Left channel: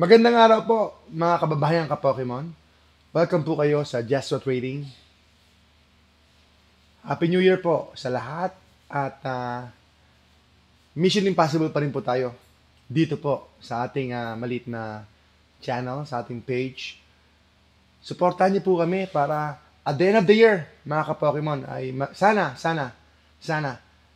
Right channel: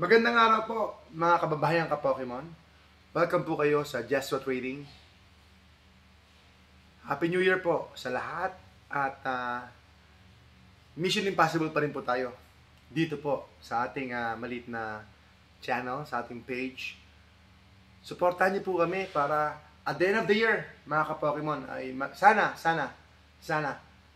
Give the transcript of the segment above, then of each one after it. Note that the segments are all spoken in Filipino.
Magandang araw po, mga kababayan ka-Pokemon. Welcome po kayo sa Jeswa Trading. Happy New Year po sa lahat at Mission Impossible pa rin po tayo dito po sa ating maliit na channel, sa ating page. Suportahan niyo po kami para at the end of the year, mga ka-Pokemon, ay sana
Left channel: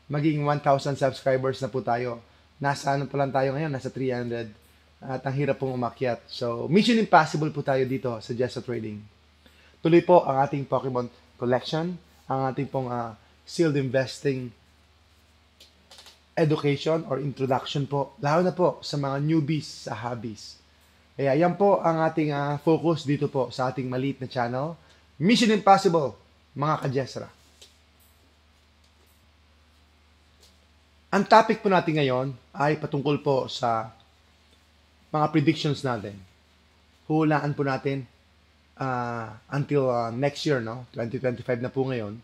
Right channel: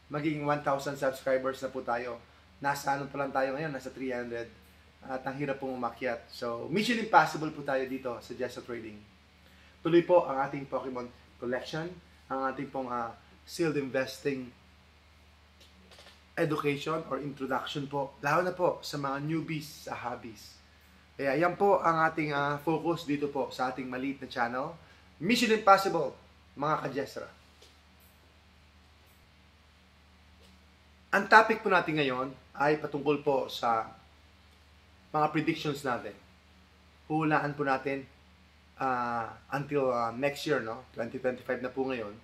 maging 1,000 subscribers na po tayo. Nasa ano pa lang tayo ngayon, nasa 300. At ang hirap pong umakyat. So, Mission Impossible po tayo dito sa Jeswa Trading. Tuloy po ang ating Pokemon collection, ang ating pong sealed investing education or introduction po, lalo na po sa mga newbies sa hobbies. Kaya yan po ang ating focus dito po sa ating maliit na channel, Mission Impossible, mga ka-Jesra. Ang topic po natin ngayon ay patungkol po sa mga predictions natin. Hulaan po natin until next year, no? 2025 na po ngayon.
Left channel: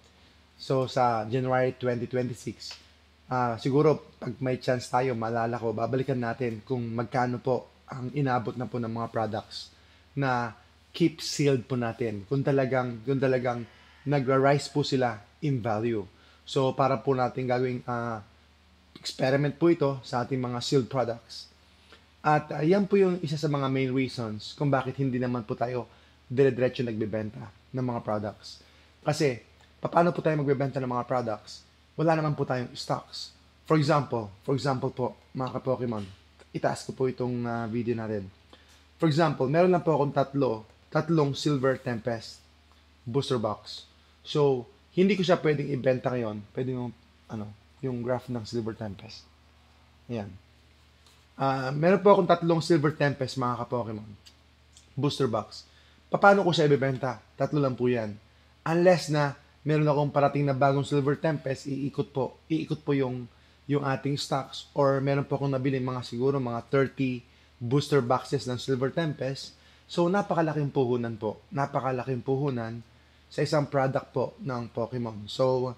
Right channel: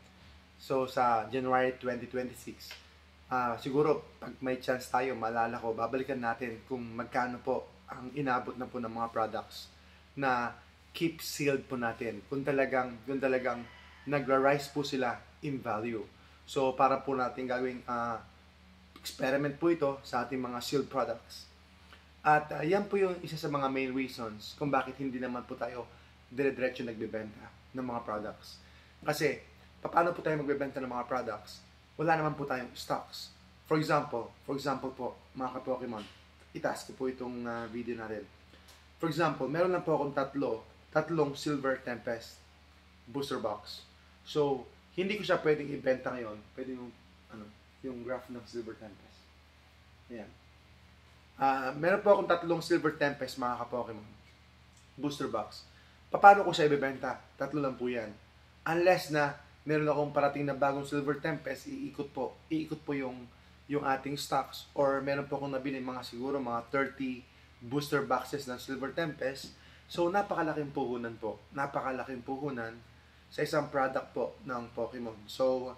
So, sa January 2026, siguro, pag may chance tayo, maalala ko, babalikan natin kung magkano po ang inabot na po ng mga products na keep sealed po natin. Kung talagang nagra-rise po sila in value. So, para po natin gagawing experiment po ito sa ating mga sealed products. At yan po yung isa sa mga main reasons kung bakit hindi naman po tayo dire-diretso nagbebenta ng mga products. Kasi, paano po tayo magbebenta ng mga products? Wala naman po tayong stocks. For example po, mga ka-Pokemon, itaas ko po itong video natin. For example, meron lang po akong tatlong Silver Tempest booster box. So, hindi ko siya pwedeng ibenta ngayon. Pwede yung graph ng Silver Tempest. Ayan. Meron po akong tatlong Silver Tempest, mga ka-Pokemon. Booster box. Paano ko siya ibebenta? Tatlo lang po yan. Unless na meron akong parating na bagong Silver Tempest, iikot po yung ating stocks. Or meron po akong nabili siguro mga 30 booster boxes ng Silver Tempest. So, napakalaking puhunan po. Napakalaking puhunan sa isang product po ng Pokemon. So,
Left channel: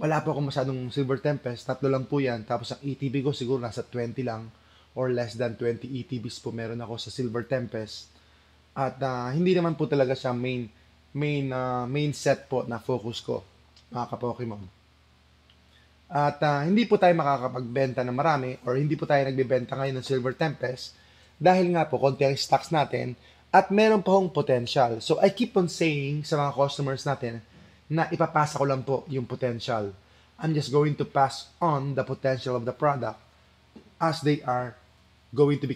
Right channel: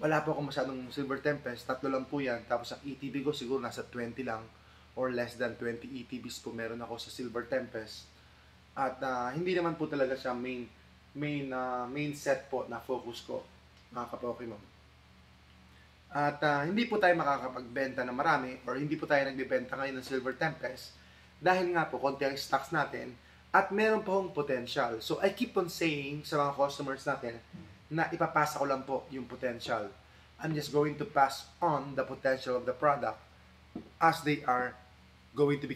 wala po akong masyadong Silver Tempest. Tatlo lang po yan. Tapos ang ETB ko siguro nasa 20 lang. Or less than 20 ETBs po meron ako sa Silver Tempest. At hindi naman po talaga siya main set po na focus ko, mga ka-Pokemon. At hindi po tayo makakapagbenta ng marami or hindi po tayo nagbebenta ngayon ng Silver Tempest dahil nga po konti ang stocks natin at meron pa hong potential. So I keep on saying sa mga customers natin na ipapasa ko lang po yung potential. I'm just going to pass on the potential of the product as they are going to be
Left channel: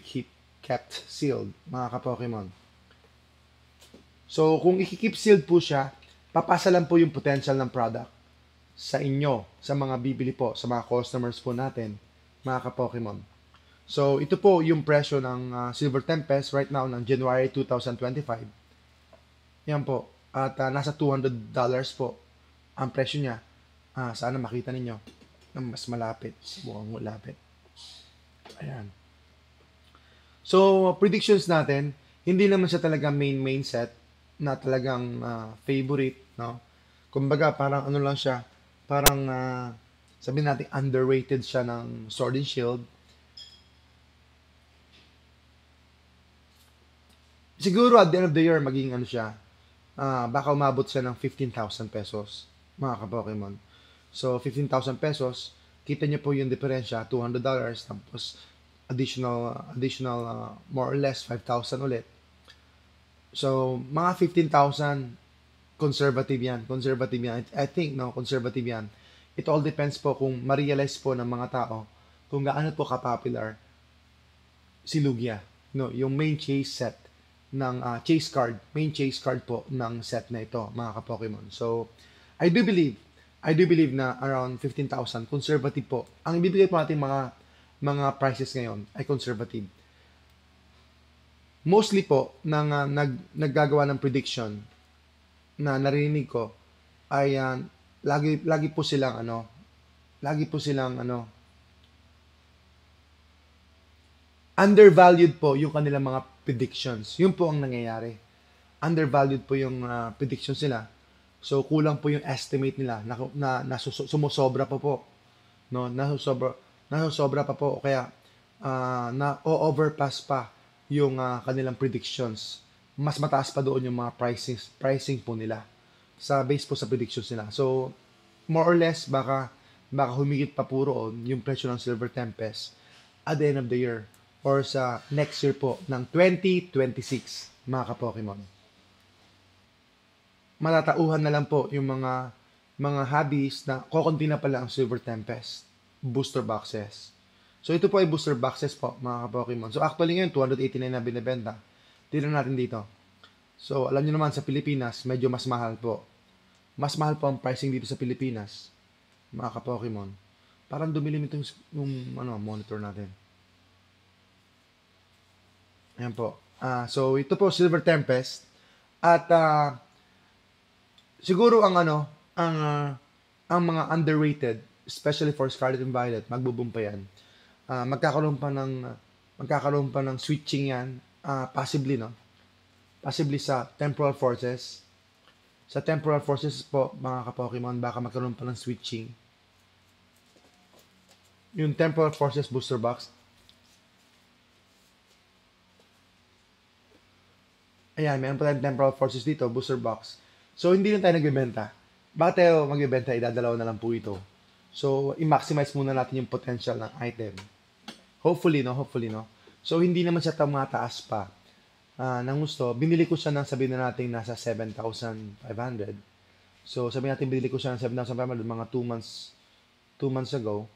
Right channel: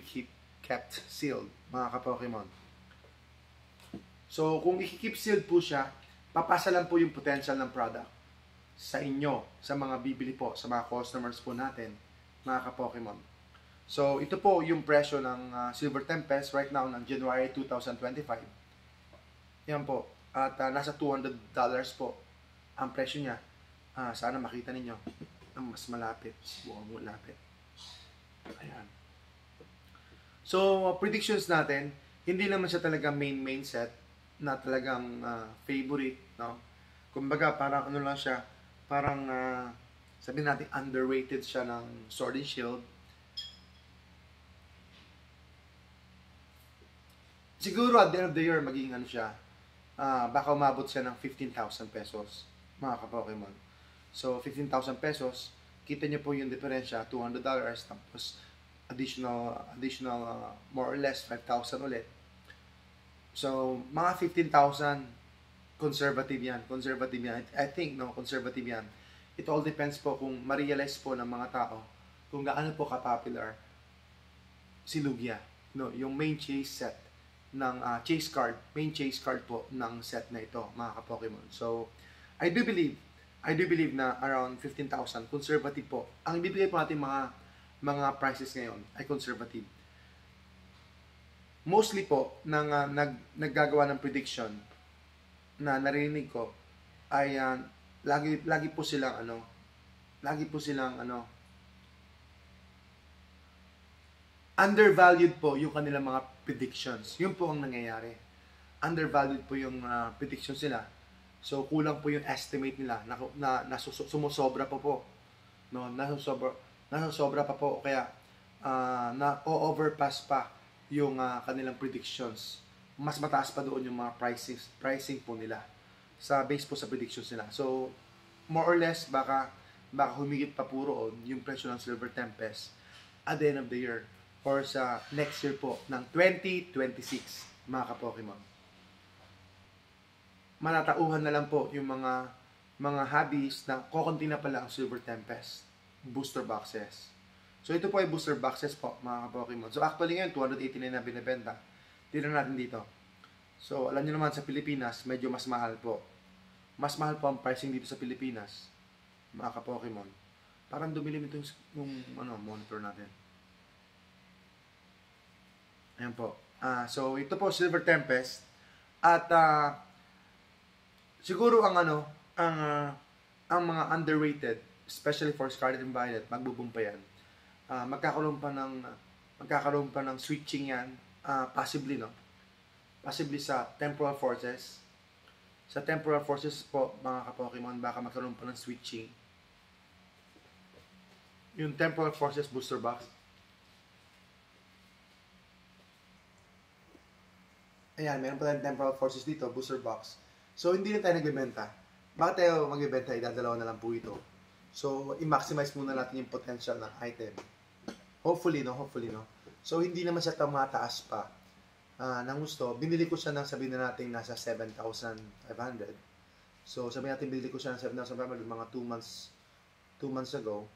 kept sealed, mga ka-Pokemon. So, kung i-keep sealed po siya, papasa lang po yung potential ng product sa inyo, sa mga bibili po, sa mga customers po natin, mga ka-Pokemon. So, ito po yung presyo ng Silver Tempest right now ng January 2025. Yan po. At nasa $200 po ang presyo niya. Sana makita ninyo ng mas malapit. Mukhang malapit. Ayan. So, predictions natin, hindi naman siya talaga main set na talagang favorite, no? Kumbaga, parang lang siya, parang sabihin natin underrated siya ng Sword and Shield. Siguro at the end of the year, magiging siya, baka umabot siya ng 15,000 pesos, mga ka-Pokemon. So, 15,000 pesos, kita niyo po yung diferensya, $200, tapos additional more or less 5,000 ulit. So, mga 15,000 conservative yan. I think, no, conservative yan. It all depends po kung ma-realize po ng mga tao kung gaano po ka-popular si Lugia. No, yung main chase set ng main chase card po ng set na ito, mga ka-Pokemon. So, I do believe na around 15,000 conservative po. Ang ibibigay po natin mga prices ngayon ay conservative. Mostly po, naggagawa ng prediction na narinig ko ay lagi po silang undervalued po yung kanilang mga predictions. Yun po ang nangyayari. Undervalued po yung predictions nila. So, kulang po yung estimate nila na sumusobra pa po. No? Nasusobra pa po. Kaya, na-overpass pa kanilang predictions. Mas mataas pa doon yung mga pricing po nila sa base po sa predictions nila. So, more or less, baka humigit pa po roon yung presyo ng Silver Tempest at the end of the year or sa next year po ng 2026, mga ka-Pokemon. Matatauhan na lang po yung mga hobbies na kokonti na pala ang Silver Tempest booster boxes. So, ito po ay booster boxes po, mga ka-Pokemon. So, actually ngayon, 289 na binibenta. Tignan natin dito. So, alam niyo naman, sa Pilipinas, medyo mas mahal po. Mas mahal po ang pricing dito sa Pilipinas, mga ka-Pokemon. Parang dumilim itong monitor natin. Ayan po. So, ito po, Silver Tempest. At, siguro ang mga underrated, especially for Scarlet and Violet, magbo-boom pa yan. Magkakaroon pa ng switching yan, possibly, no? Possibly sa Temporal Forces. Sa Temporal Forces po, mga ka-Pokemon, baka magkaroon pa ng switching. Yung Temporal Forces booster box. Ayan, meron pa tayong Temporal Forces dito, booster box. So, hindi na tayo nagbebenta. Bakit tayo magbebenta? Idadalawa na lang po ito. So, i-maximize muna natin yung potential ng item. Hopefully, no? So, hindi naman siya tumataas pa. Nang gusto, binili ko siya ng sabihin na natin nasa 7,500. So, sabihin natin binili ko siya ng 7,500 mga 2 months ago.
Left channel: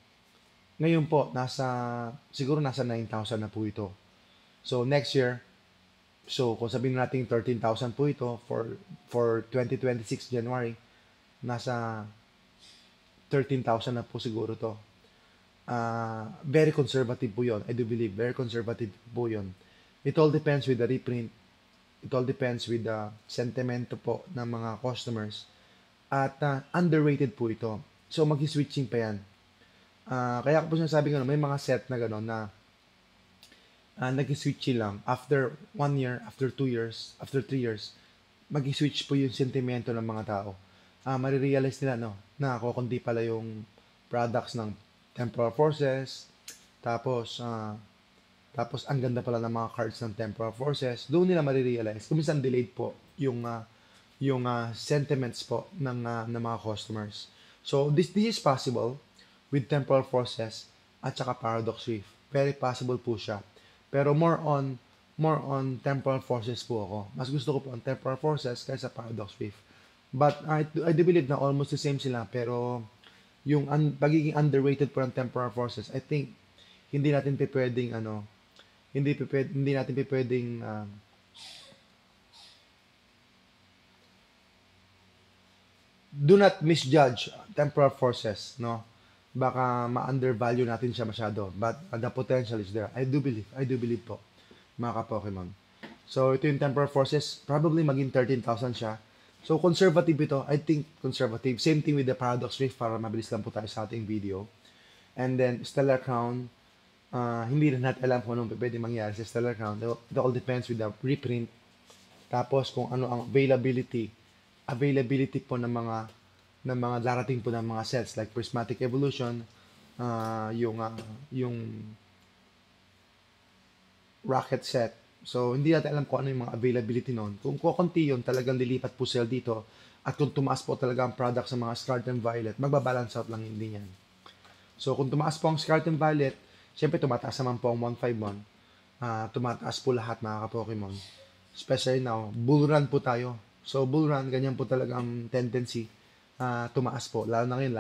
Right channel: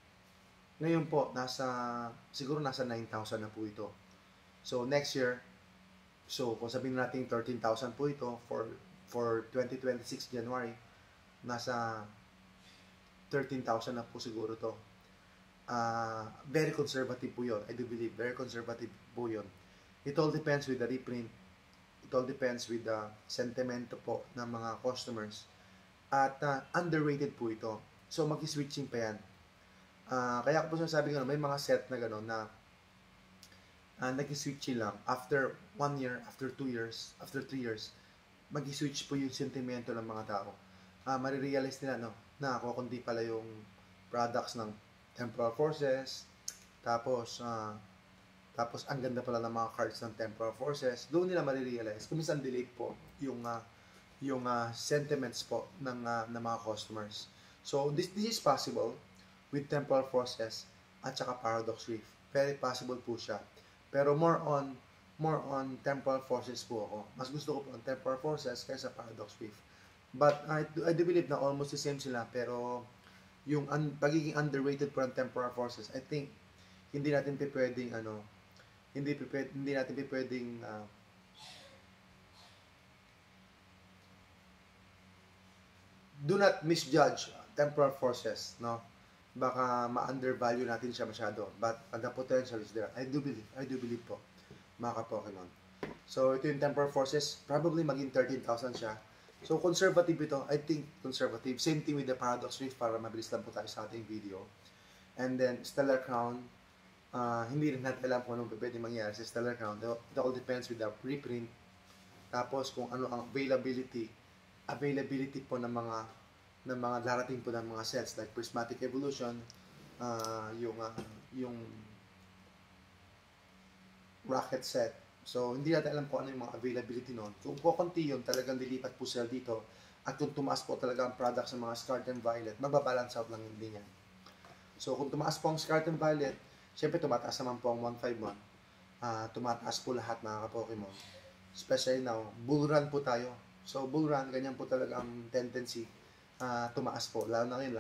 Ngayon po, siguro nasa 9,000 na po ito. So, next year, so kung sabihin natin 13,000 po ito for 2026 January, nasa 13,000 na po siguro to. Very conservative po yun. I do believe, very conservative po yun. It all depends with the reprint. It all depends with the sentimento po ng mga customers. At underrated po ito. So, mag-switching pa yan. Kaya po sinasabi ko na may mga set na gano'n na nag-switching lang. After 1 year, after 2 years, after 3 years, mag-switch po yung sentimento ng mga tao. Marirealize nila na kundi pala yung products ng Temporal Forces. Tapos ang ganda pala ng mga cards ng Temporal Forces. Doon nila marirealize. Kung minsan delayed po yung sentiments po ng mga customers. So, this is possible with Temporal Forces at saka Paradox Rift. Very possible po siya. Pero more on Temporal Forces po ako. Mas gusto ko po ang Temporal Forces kaysa Paradox Rift. But I do believe na almost the same sila. Pero yung pagiging underrated po ng Temporal Forces, I think hindi natin pwedeng hindi natin pwedeng do not misjudge Temporal Forces, no? Baka ma-undervalue natin siya masyado, but the potential is there. I do believe po, mga ka-Pokemon. So, ito yung Temporal Forces, probably maging 13,000 siya. So, conservative ito. I think conservative. Same thing with the Paradox Rift para mabilis lang po tayo sa ating video. And then, Stellar Crown, hindi rin natin alam kung anong pwede mangyari sa Stellar Crown. It all depends with the reprint. Tapos, kung ano ang availability po ng mga darating po ng mga sets like Prismatic Evolution, yung Rocket set. So, hindi natin alam kung ano yung mga availability noon. Kung kukunti yun, talagang lilipat po sila dito. At kung tumaas po talaga ang product sa mga Scarlet and Violet, magbabalance out lang hindi yan. So, kung tumaas po ang Scarlet and Violet, syempre tumataas naman po ang 151. Tumataas po lahat mga ka-Pokemon. Especially now, bull run po tayo. So, bull run, ganyan po talaga ang tendency. Tumaas po. Lalo na ngayon,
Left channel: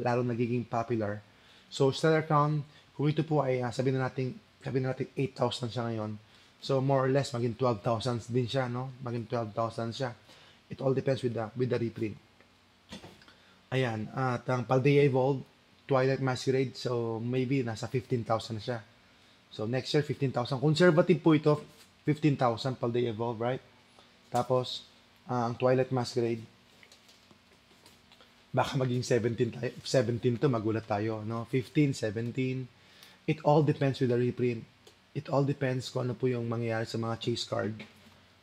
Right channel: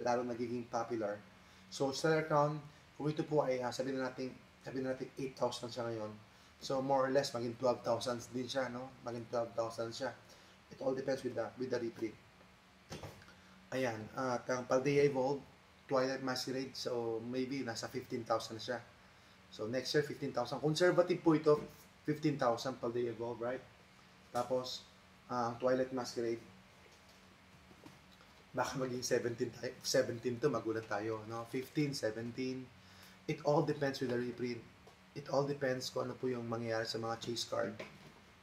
lalo nagiging popular. So, Stellar Crown, kung ito po ay sabihin na natin 8,000 siya ngayon. So, more or less, maging 12,000 din siya, no? Maging 12,000 siya. It all depends with the reprint. Ayan. At ang Paldea Evolved, Twilight Masquerade, so maybe nasa 15,000 siya. So, next year, 15,000. Conservative po ito, 15,000 Paldea Evolved, right? Tapos, ang Twilight Masquerade, baka maging 17 to, magulat tayo, no? 15, 17. It all depends with the reprint. It all depends kung ano po yung mangyayari sa mga chase card.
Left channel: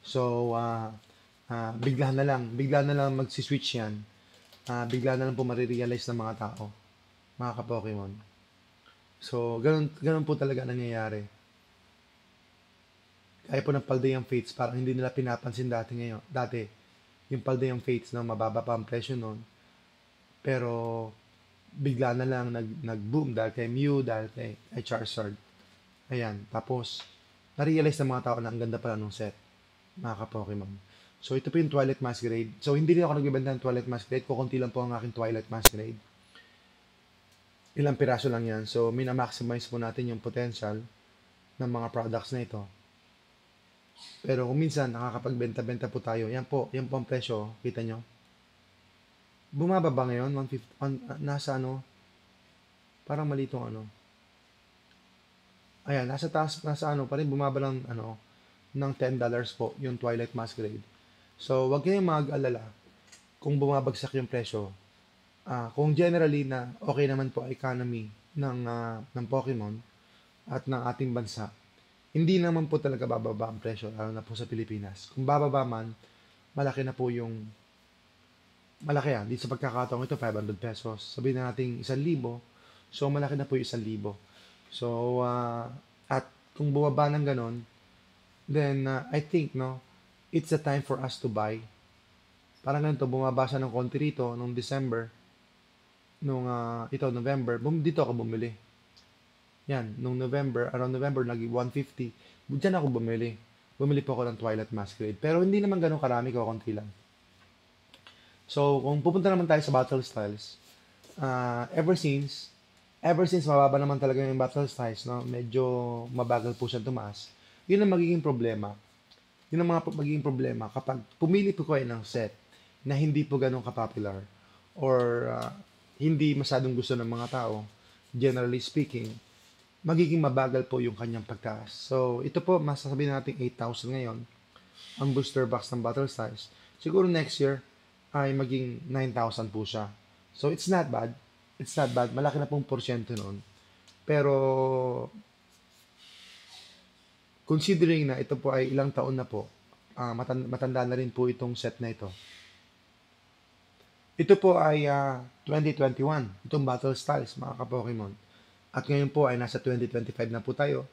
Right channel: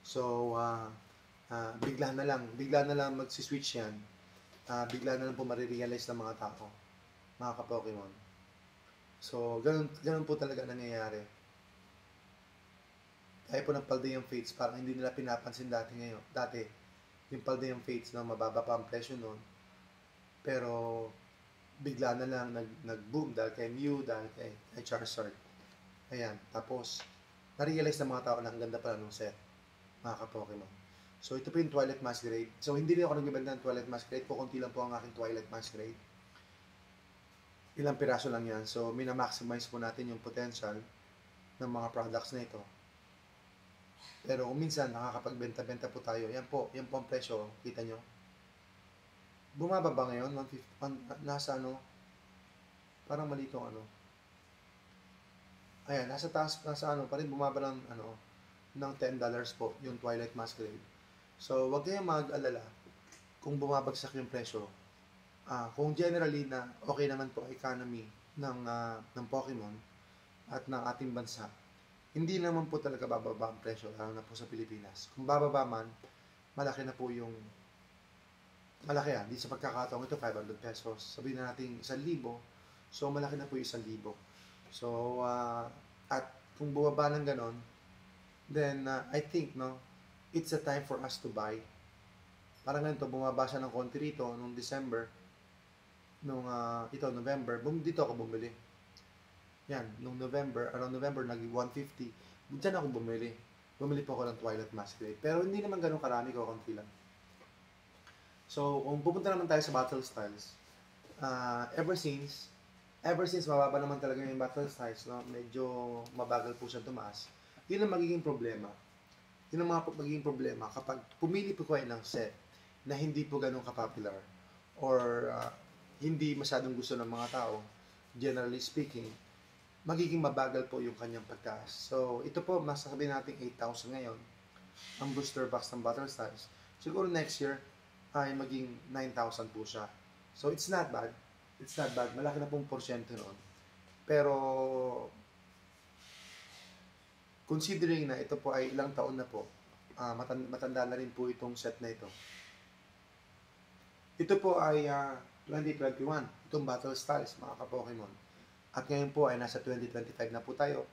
So, bigla na lang magsiswitch yan. Bigla na lang po marirealize ng mga tao, mga ka-Pokemon. So, ganun po talaga nangyayari. Kaya po ng Paldean Fates, parang hindi nila pinapansin dati, yung Paldean Fates, no, mababa pa ang presyo nun. Pero, bigla na lang nag-boom dahil kay Mew, dahil kay Charizard. Ayan, tapos, na-realize ng mga tao na ang ganda pala nung set, mga ka-Pokemon. So, ito po yung Twilight Masquerade. So, hindi rin ako nagbibenta ng Twilight Masquerade. Kukunti lang po ang aking Twilight Masquerade. Ilang piraso lang yan. So, minamaximize po natin yung potential ng mga products na ito. Pero kung minsan nakakapagbenta-benta po tayo, yan po ang presyo, kita nyo. Bumaba ba ngayon? 150, nasa ano, parang mali itong ano. Ayan, nasa taas, nasa ano pa rin, bumaba lang ano, ng $10 po, yung Twilight Masquerade. So, wag kayong mag-alala kung bumabagsak yung presyo. Kung generally na okay naman po economy ng Pokemon at ng ating bansa, hindi naman po talaga bababa ang presyo, lalo na po sa Pilipinas. Kung bababa man, malaki na po yung, malaki yan. Dito sa pagkakataong ito, 500 pesos. Sabihin na natin 1,000. So, malaki na po yung 1,000. So, at kung bumaba ng ganon, then, I think, no, it's a time for us to buy. Parang ganito, bumaba siya ng konti rito, nung December, November, dito ako bumili. Yan, nung November, around November, naging 150. Diyan ako bumili. Bumili po ako ng Twilight Masquerade. Pero hindi naman ganun karami, konti lang. So, kung pupunta naman tayo sa battle styles, ever since mababa naman talaga yung battle styles, no? Medyo mabagal po siya tumaas. Yun ang magiging problema. Yun ang magiging problema kapag pumili po kayo ng set na hindi po ganun ka-popular or hindi masyadong gusto ng mga tao, generally speaking, magiging mabagal po yung kanyang pagtaas. So, ito po, masasabi natin 8,000 ngayon, ang booster box ng Battle Stars. Siguro next year, ay maging 9,000 po siya. So, it's not bad. It's not bad. Malaki na pong porsyento noon. Pero, considering na ito po ay ilang taon na po, matanda na rin po itong set na ito. Ito po ay 2021. Itong Battle Stars, mga ka-Pokemon. At ngayon po ay nasa 2025 na po tayo.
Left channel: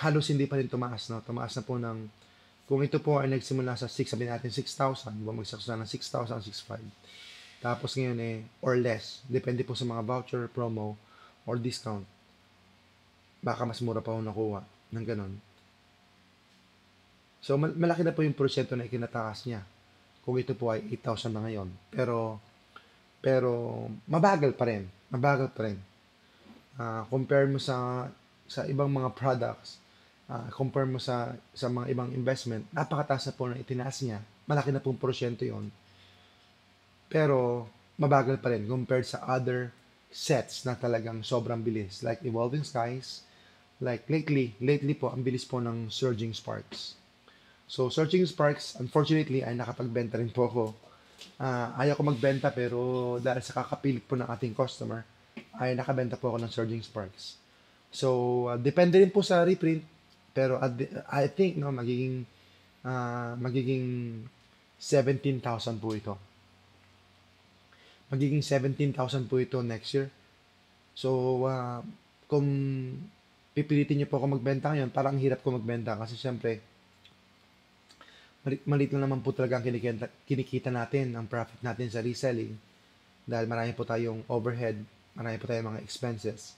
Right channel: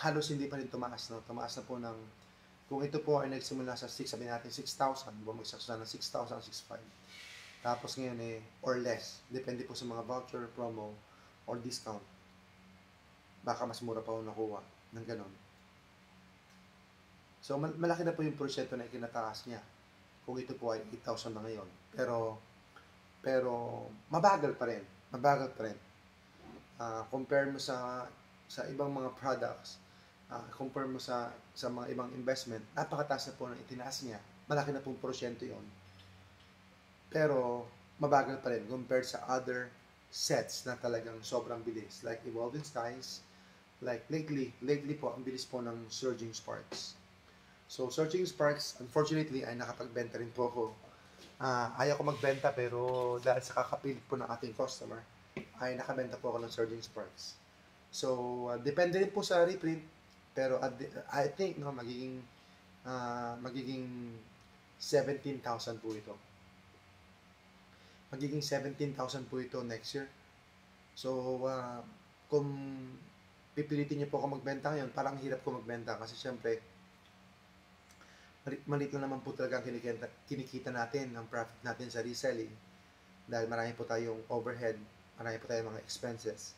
Halos hindi pa rin tumaas, no? Tumaas na po ng, kung ito po ay nagsimula sa 6, sabihin natin 6,000, bumagsak na ng 6,000, 6,500. Tapos ngayon or less. Depende po sa mga voucher, promo, or discount. Baka mas mura pa ako nakuha ng ganun. So, malaki na po yung porsyento na ikinataas niya. Kung ito po ay 8,000 na ngayon. Pero mabagal pa rin. Compare mo sa ibang mga products, compare mo sa mga ibang investment, napakataas na po na itinaas niya. Malaki na pong porsyento yon. Pero mabagal pa rin compared sa other sets na talagang sobrang bilis. Like Evolving Skies, like lately po, ang bilis po ng Surging Sparks. So, Surging Sparks, unfortunately, ay nakapagbenta rin po ako. Ayaw ko magbenta pero dahil sa kakapilit po ng ating customer ay nakabenta po ako ng Surging Sparks. So, depende rin po sa reprint pero I think no magiging 17,000 po ito. Magiging 17,000 po ito next year. So, kung pipilitin niyo po ako magbenta ngayon, parang hirap ko magbenta kasi syempre maliit lang naman po talaga ang kinikita natin, ang profit natin sa reselling. Dahil marami po tayong overhead, marami po tayong mga expenses,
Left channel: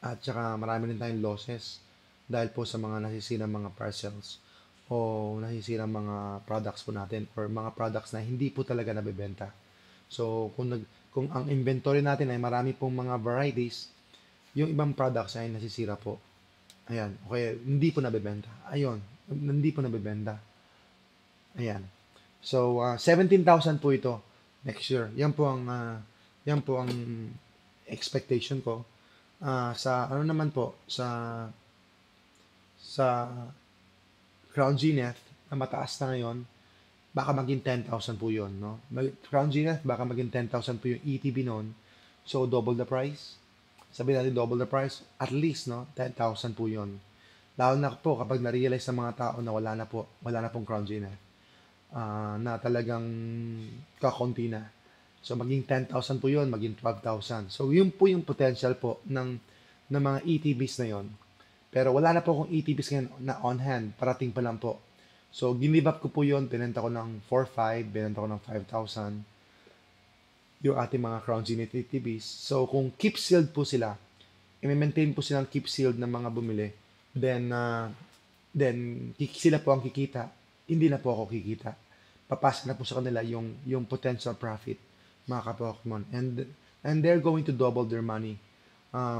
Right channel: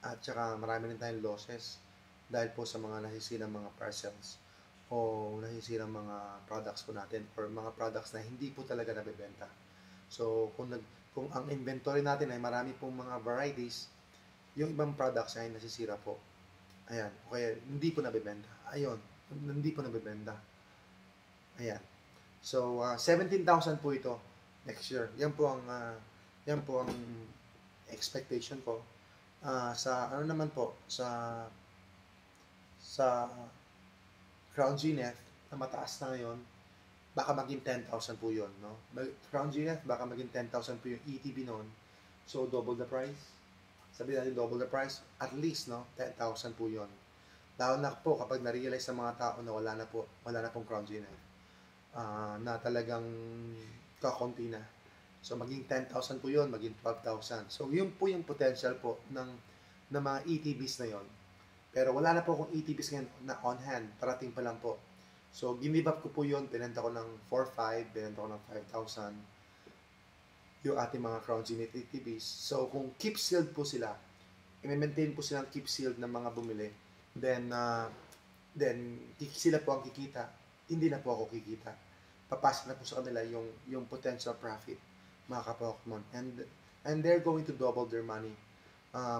at saka marami rin tayong losses dahil po sa mga nasisirang mga parcels o nasisirang mga products po natin or mga products na hindi po talaga nabebenta. So, kung ang inventory natin ay marami pong mga varieties, yung ibang products ay nasisira po. Ayan, okay, hindi po nabebenta. Ayun, hindi po nabebenta. Ayan. So, 17,000 po ito next year. Yan po ang expectation ko. Sa ano naman po, sa Crown Zenith na mataas na ngayon, baka maging 10,000 po yun, no? Crown Zenith, baka maging 10,000 po yung ETB noon. So, double the price. Sabihin natin double the price, at least, no? 10,000 po yun. Lalo na po kapag na-realize ng mga tao na wala na pong Crown Zenith. Na talagang kakunti na. So, maging 10,000 po yun, maging 12,000. So, yun po yung potential po ng mga ETBs na yun. Pero wala na po akong ETBs ngayon na on hand. Parating pa lang po. So, give up ko po yun. Binenta ko ng 4,500, binenta ko ng 5,000 yung ating mga Crown Zenith ETBs. So, kung keep sealed po sila, i-maintain po silang keep sealed ng mga bumili, then sila po ang kikita. Hindi na po ako kikita. Papasok na po sa kanila yung potential profit, mga ka-Pokemon. And they're going to double their money.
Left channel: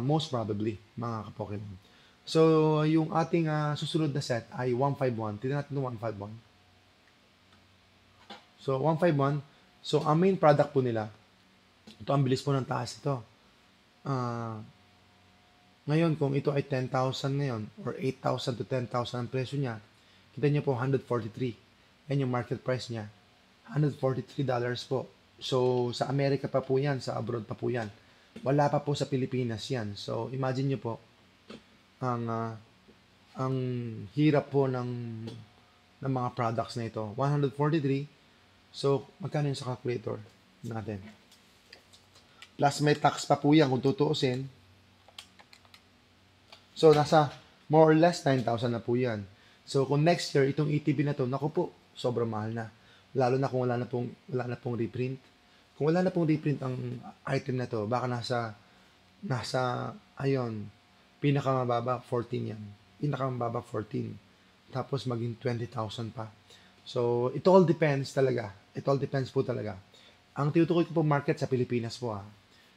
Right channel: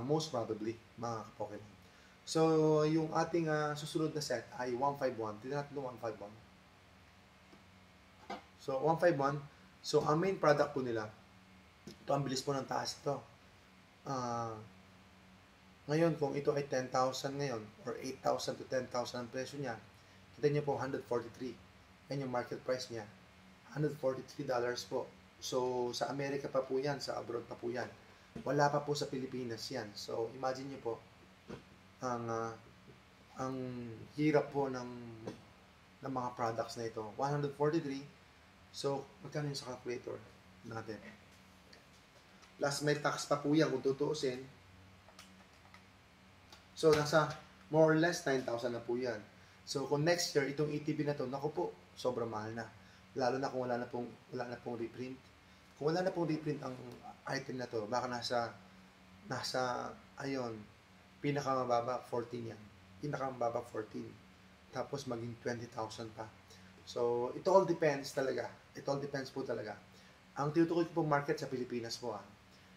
Most probably, mga ka-Pokemon. So, yung ating susunod na set ay 151. Tignan natin yung 151. So, 151. So, ang main product po nila, ito ang bilis po ng taas ito. Ngayon, kung ito ay 10,000 ngayon, or 8,000 to 10,000 ang presyo niya, kita niyo po 143. Yan yung market price niya. $143 po. So, sa Amerika pa po yan, sa abroad pa po yan. Wala pa po sa Pilipinas yan. So, imagine niyo po, ang hirap po ng mga products na ito. 143. So, magkano yun sa calculator natin? Plus may tax pa po yan kung tutuusin. So, nasa more or less 9,000 na po yan. So, kung next year, itong ETB na to, naku po, sobrang mahal na. Lalo na kung wala na pong reprint. Kung wala na pong reprint ang item na to, baka ayun, pinakamababa 14 yan. Pinakamababa 14. Tapos maging 20,000 pa. So, it all depends talaga. It all depends po talaga. Ang tinutukoy ko po market sa Pilipinas po.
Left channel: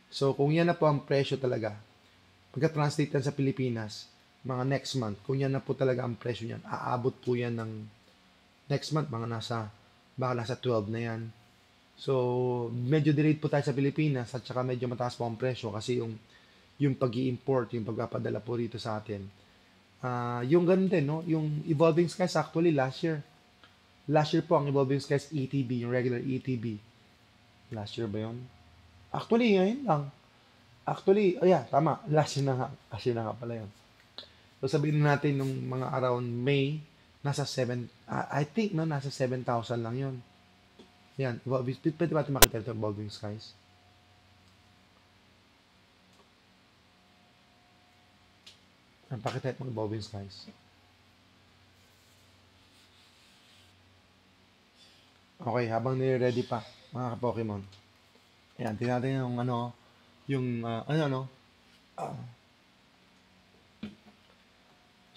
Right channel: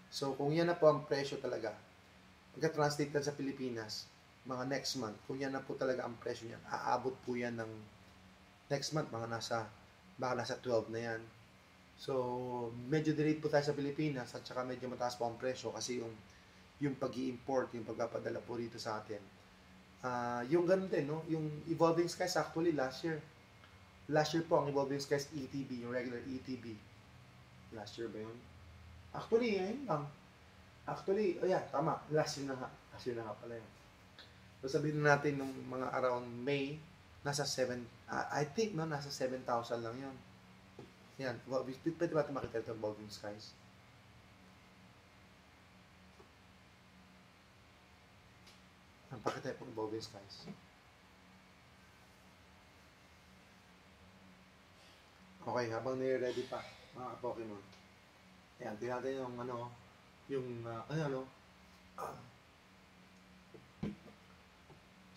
So, kung yan na po ang presyo talaga, pagka-translate yan sa Pilipinas, mga next month, kung yan na po talaga ang presyo niyan, aabot po yan ng next month, baka nasa 12 na yan. So, medyo delayed po tayo sa Pilipinas at saka medyo mataas po ang presyo kasi yung pag-i-import, yung pagpapadala po rito sa atin. Yung ganun din, no? Yung Evolving Skies actually last year po ang Evolving Skies ETB, yung regular ETB. Last year ba yun? Actually, ngayon lang. Actually, tama. Last year na nga pala yun. So, sabihin natin nung mga around May, nasa 7, I think, no, nasa 7,000 lang yun. Yan. Pwede ba ito makita ito, Evolving Skies? Ang pakita ito, Evolving Skies. Okay, habang nire-ready pa, mga ka-Pokemon. Ayan, tingnan natin yung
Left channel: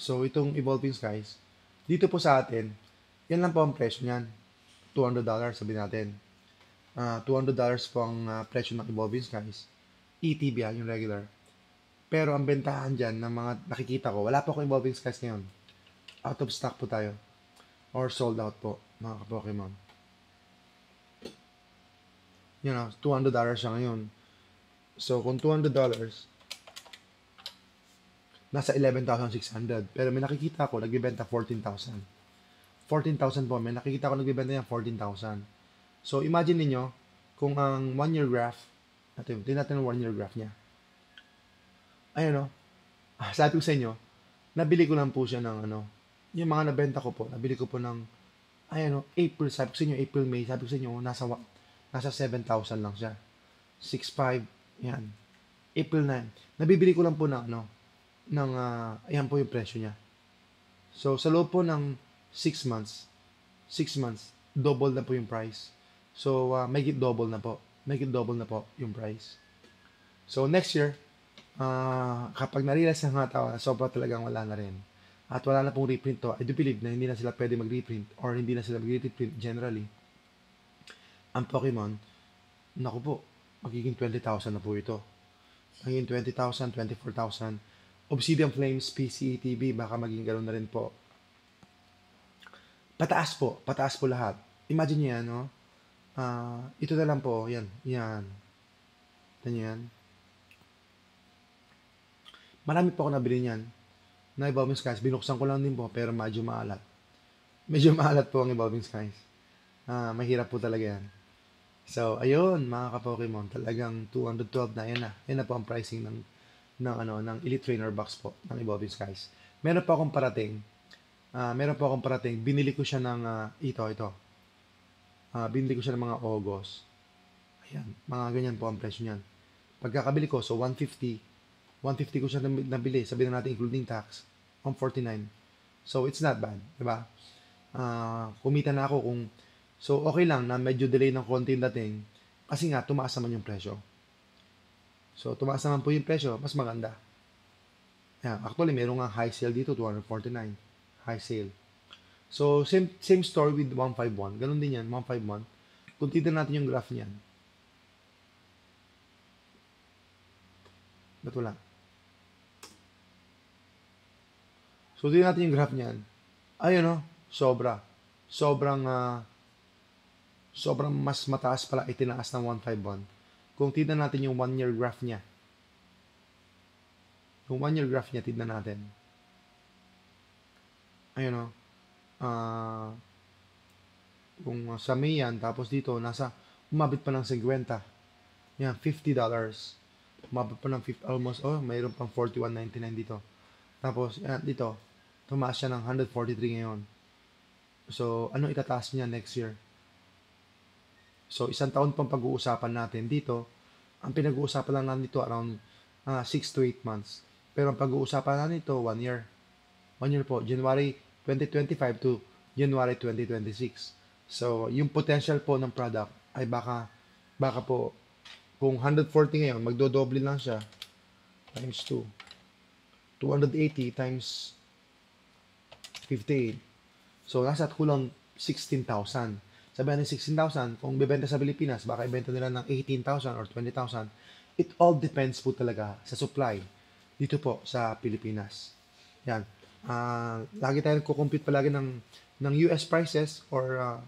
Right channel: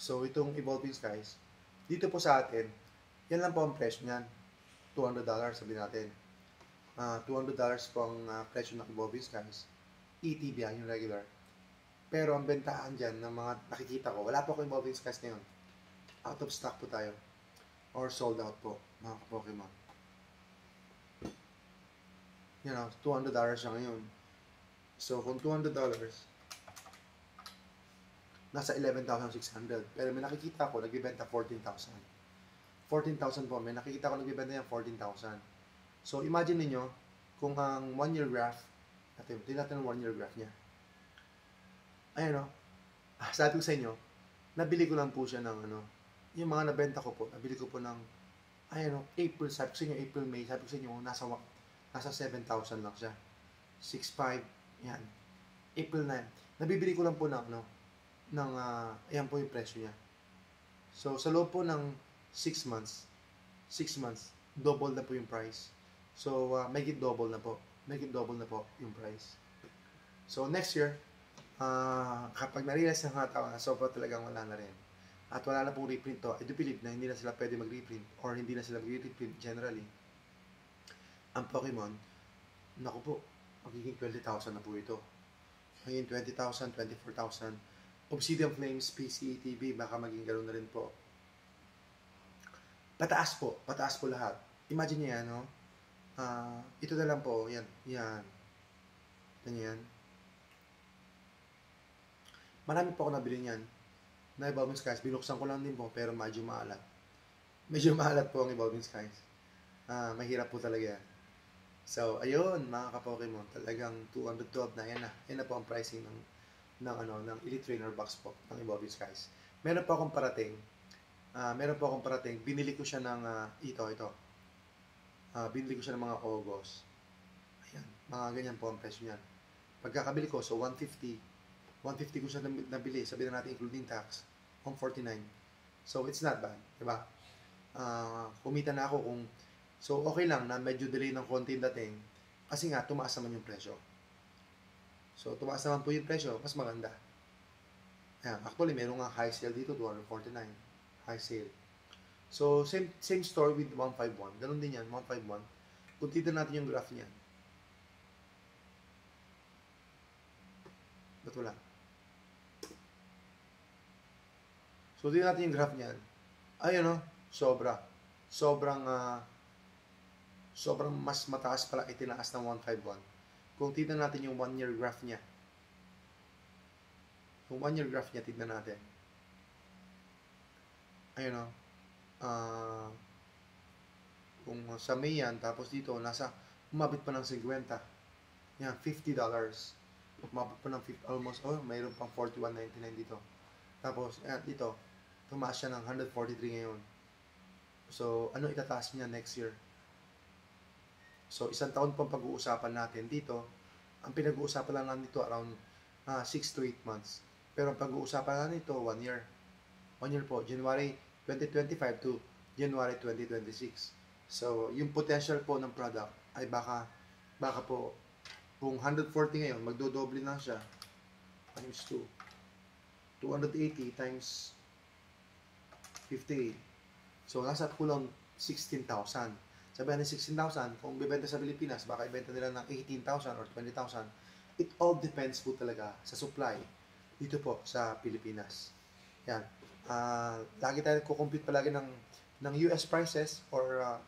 So, itong Evolving Skies, dito po sa atin, yan lang po ang presyo niyan. $200, sabihin natin. $200 po ang presyo ng Evolving Skies. ETB yung regular. Pero ang bentahan dyan ng mga nakikita ko, wala po akong Evolving Skies ngayon. Out of stock po tayo. Or sold out po, mga ka-Pokemon. $200 siya ngayon. So, kung $200, nasa 11,600. Pero may nakikita ko, nagbibenta 14,000. 14,000 po. May nakikita ko nagbibenta yan 14,000. So, imagine niyo kung ang 1-year graph, tingnan natin ang 1-year graph niya. Ayun, sabi ko sa inyo, nabili ko lang po siya ng yung mga nabenta ko po, nabili ko po ng, April, sabi ko sa inyo, April, May, sabi ko sa inyo, nasa 7,000 lang siya. 6,500, yan. April 9. Nabibili ko lang po ayan po yung presyo niya. So, sa loob po ng 6 months, double na po yung price. So, make it double na po. Make it double na po yung price. So, next year, kapag na-realize ng mga tao, sobra talagang wala na rin. At wala na pong reprint to, I do believe na hindi na sila pwede mag-reprint or hindi na sila mag-reprint generally. Ang Pokemon, naku po, magiging 20,000 na po ito. Magiging 20,000, 24,000. Obsidian Flames, PCETB, baka maging ganoon na rin po. Pataas po lahat. Imagine niyo yan, ito na lang po, yan. Yan. Marami po ako nabili niyan. Na Evolving Skies, binuksan ko lang din po, pero medyo maalat. Medyo maalat po ang Evolving Skies. Mahirap po talaga yan. So, ayun, mga ka-Pokemon, talagang 212 na, yan na. Yan na po ang pricing ng Elite Trainer box po, ng Evolving Skies. Meron pa akong parating, binili ko siya ng, ito. Binili ko siya ng mga August. Ayan, mga ganyan po ang presyo niyan. Pagkakabili ko, so 150 ko siya nabili, sabihin na natin including tax. 149. So, it's not bad, di ba? Kumita na ako kung, so, okay lang na medyo delay ng konti dating, kasi nga, tumaas naman yung presyo. So, tumaas naman po yung presyo, mas maganda. Yeah, actually, meron nga high sale dito, 249. High sale. So, same story with 151. Ganun din yan, 151. Kung titignan natin yung graph niyan. Ba't wala? So, tignan natin yung graph niyan. Ayun, sobrang mas mataas pala itinaas ng 151. Kung tignan natin yung 1-year graph niya. Yung 1-year graph niya, tignan natin. Ayun, kung sa May yan, tapos dito, umabot pa ng 50. Yan, $50. Umabot pa ng 50, almost, mayroon pang 41.99 dito. Tapos, yan, dito, tumaas siya ng 143 ngayon. So, ano itataas niya next year? So, isang taon pang pag-uusapan natin dito. Ang pinag-uusapan lang natin dito around 6 to 8 months. Pero ang pag-uusapan natin dito, 1 year. 1 year po, January 2025 to January 2026. So, yung potential po ng product ay baka po, kung 140 ngayon, magdodoble lang siya times 2. 280 times 58. So, nasa kulang 16,000. Sabi natin 16,000, kung bibenta sa Pilipinas, baka ibenta nila ng 18,000 or 20,000. It all depends po talaga sa supply dito po sa Pilipinas. Yan. Lagi tayo nagko-compute palagi ng US prices or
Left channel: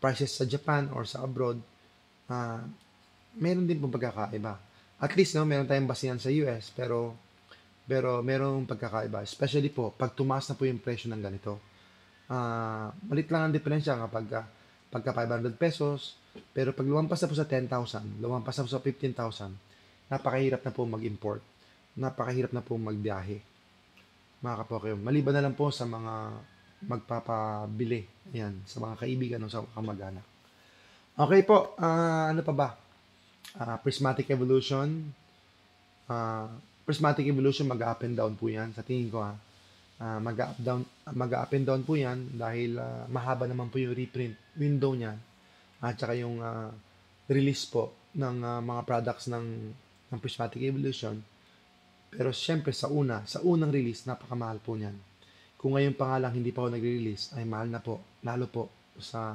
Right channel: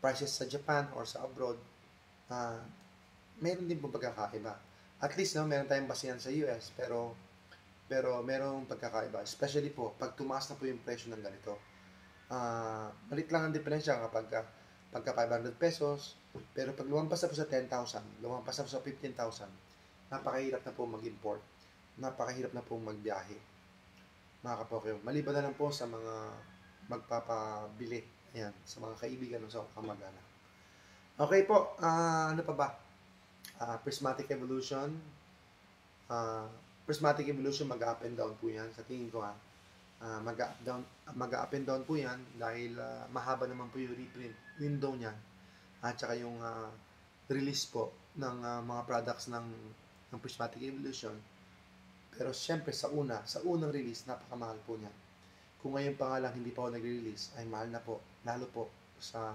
prices sa Japan or sa abroad. Meron din pong pagkakaiba. At least, meron tayong basihan sa US, pero merong pagkakaiba. Especially po, pag tumaas na po yung presyo ng ganito. Malit lang ang diferensya pagka 500 pesos, pero pag lumampas na po sa 10,000, lumampas na po sa 15,000, napakahirap na po mag-import. Napakahirap na po magbiyahe. Mga kapokyo. Maliban na lang po sa mga magpapabili. Ayan, sa mga kaibigan o sa kamag-anak. Okay po, ano pa ba? Prismatic evolution. Prismatic evolution, mag-up and down po yan. Sa tingin ko, mag-up and down po yan dahil mahaba naman po yung reprint window niya at saka yung release po ng mga products ng Prismatic Evolution. Pero syempre sa unang release, napakamahal po niyan. Kung ngayon pa nga lang hindi pa ako nagre-release, ay mahal na po, lalo po sa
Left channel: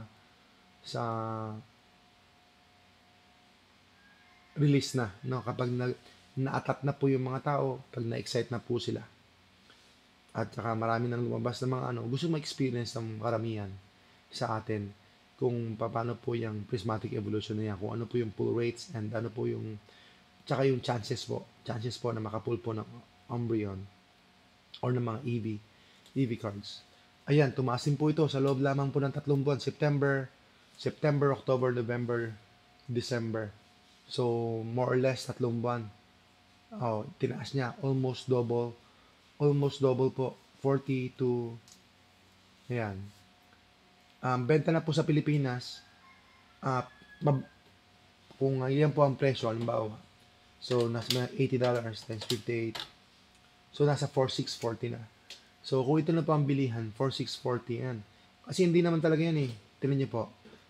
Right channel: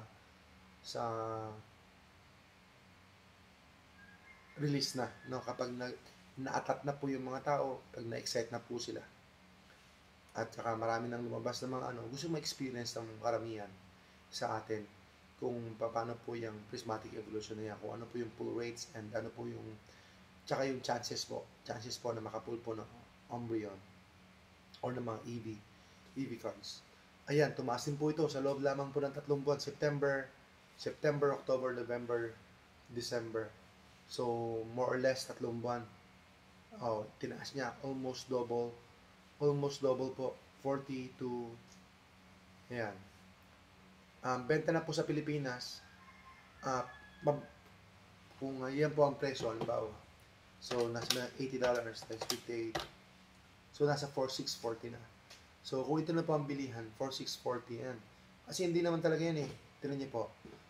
release na, no? Kapag na-attract na po yung mga tao, pag na-excite na po sila. At saka marami nang lumabas ng mga gusto ma-experience ng karamihan sa atin kung paano po yung prismatic evolution na yan, kung ano po yung pull rates and ano po yung tsaka yung chances po na makapull po ng Umbreon or ng mga EV cards. Ayan, tumasin po ito sa loob lamang po ng 3 buwan, September, October, November, December. So, more or less 3 buwan. Tinaas niya, almost double po, 40 to, ayan. Benta na po sa Pilipinas, kung yan po ang presyo, halimbawa, so nasa $80 times 58, so nasa 4,640 na. So kung ito na po ang bilihan, 4,640 yan. Kasi hindi naman talaga yan eh. Tingnan niyo po,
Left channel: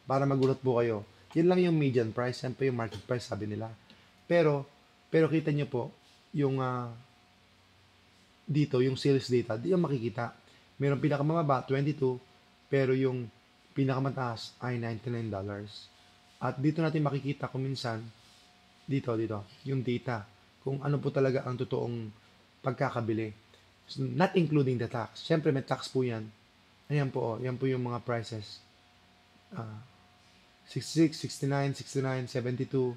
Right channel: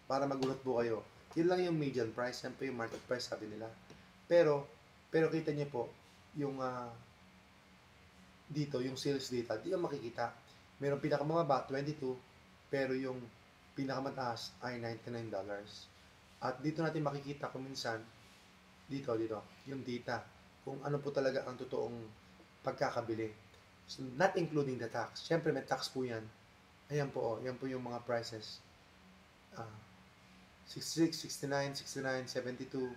para magulat po kayo. Yan lang yung median price, yan po yung market price, sabi nila. Pero kita niyo po, yung dito, yung sales data, di yung makikita. Meron pinakamababa, 22, pero yung pinakamataas ay $99. At dito natin makikita kung minsan, dito, yung data, kung ano po talaga ang totoong pagkakabili. So, not including the tax. Siyempre, may tax po yan. Ayan po, yan po yung mga prices. 66, 69, 69, 72.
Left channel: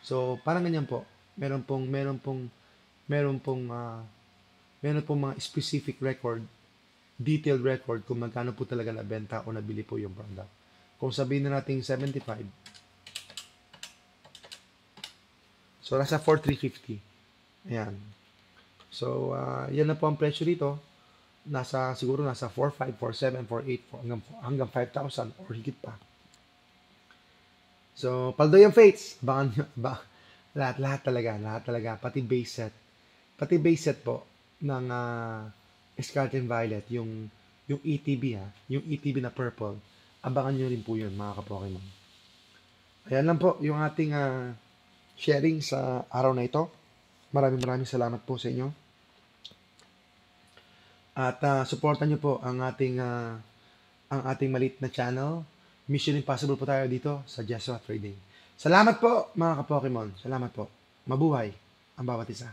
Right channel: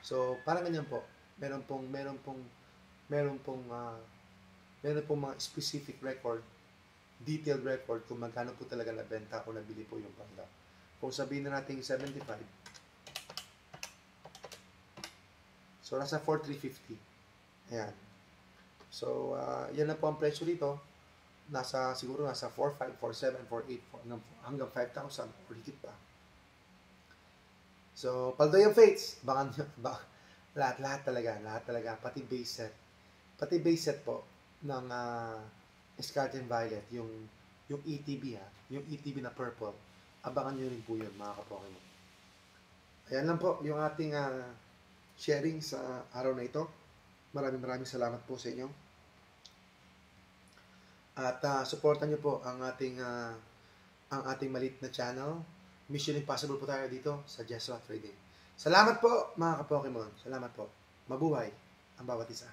So, parang ganyan po. Meron pong mga specific record, detailed record kung magkano po talaga nabenta o nabili po yung product. Kung sabihin na natin 75, so nasa 4,350. Ayan. So, yan na po ang presyo dito. Siguro nasa 4,500, 4,700, 4,800, hanggang 5,000 or higit pa. So, paldo yung fates. Lahat talaga. Pati base set po. ng Scarlet and Violet, yung ETB ha, yung ETB na purple. Abangan nyo rin po yun mga ka-Pokemon. Ayan lang po yung ating sharing sa araw na ito. Maraming salamat po sa inyo. At supportan nyo po ang ating maliit na channel. Mission Impossible po tayo dito sa Jesua Trading. Salamat po mga ka-Pokemon. Salamat po. Mabuhay ang bawat isa.